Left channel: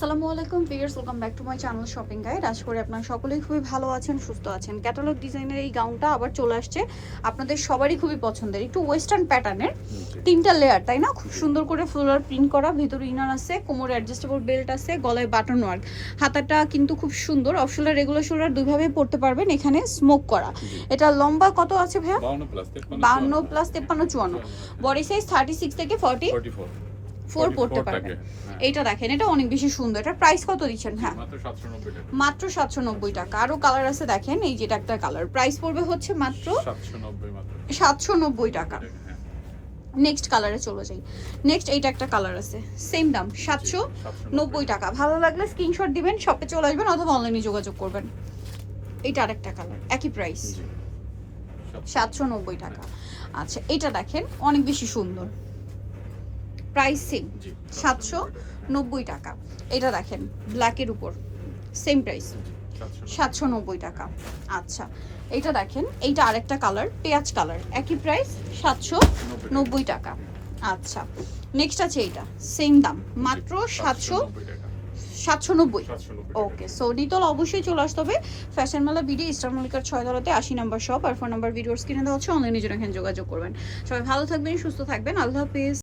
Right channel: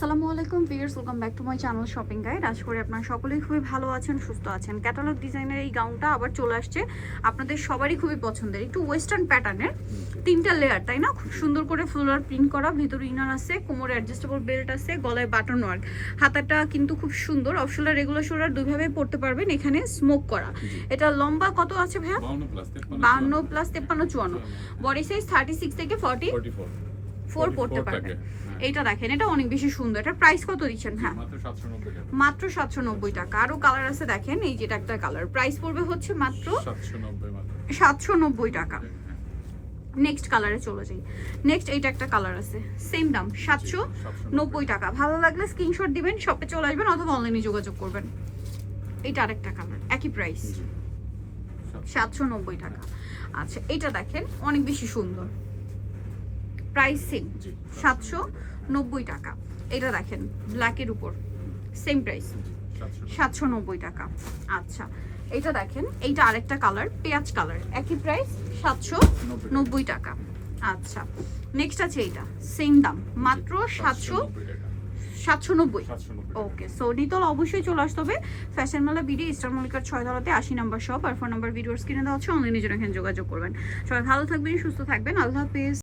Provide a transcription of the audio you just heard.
আসসালামু আলাইকুম viewers, welcome back to my channel shopping guide. আশা করি আপনারা সকলেই খুবই ভালো আছেন, সুস্থ আছেন। ক্যাটালগ ডিজাইনের এই গাউনটা আবার চলে আসছে, আপনাদের সবারই খুবই পছন্দের। একটু ওয়েস্টার্ন প্যাটার্নের, তিনটা লেয়ার, তাই না? খুব সুন্দর করে ফ্লোরাল প্রিন্ট করা, ভিতরে ইনার আছে, কোমরে অ্যাডজাস্টেবল বেল্ট আছে, গলায় বাটন ওয়ার্ক। হাতাটা কিন্তু খুব সুন্দর, অফ শোল্ডার রেগুলার শোল্ডার দুইভাবেই পড়তে পারবেন। এখানে স্মোক করা। এটা লম্বা কত আছে ভাইয়া? 52 প্লাস 53 54। বডি সাইজ 36 থেকে 44 পড়তে পারবেন। এইটা দেখেন, এটা অনেক বেশি সুন্দর। এটা প্রাইস কত দিচ্ছেন? হ্যাঁ, মাত্র 790 টাকা। আরো কালার আছে দেখেন, এই যেটা একটা কালার, প্রাইস পড়বে হচ্ছে মাত্র 790 টাকা। নেক্সট কালারে চলে যাই। নেক্সট এইটা একটা কালার আছে, সেম দাম 790 টাকা। ভালো লাগলে স্ক্রিনশট দিবেন, শপে চলে আসবেন অথবা অনলাইনে যোগাযোগ করবেন। এইটা আরেকটা কালার, একই প্রাইস 790 টাকা। আচ্ছা, এটা দেখেন অনেক বেশি সুন্দর, প্রাইস সেম 790 টাকা। এটা দেখেন ব্ল্যাকের উপর, সেম প্রাইস 790 টাকা। আচ্ছা, এটা দেখেন, এইটা আরেকটা কালার, পেঁয়াজ কালার, একই প্রাইস 790 টাকা। আচ্ছা, নেক্সট আছে এইটা, সেম দাম মাত্র 790। ওকে, সো নিতল অবশ্যই চলে আসতে হবে ফ্যাশন মেলা বিডি স্টার মল্লিকার 6 তলাতে 80 নম্বর শপ। আর ফোন নাম্বার ভিডিওর স্ক্রিনে দেওয়া হচ্ছে, অনলাইনে জন্য এখানে যোগাযোগ করবেন। সবাই ভালো থাকবেন, সুস্থ থাকবেন, আল্লাহ হাফেজ।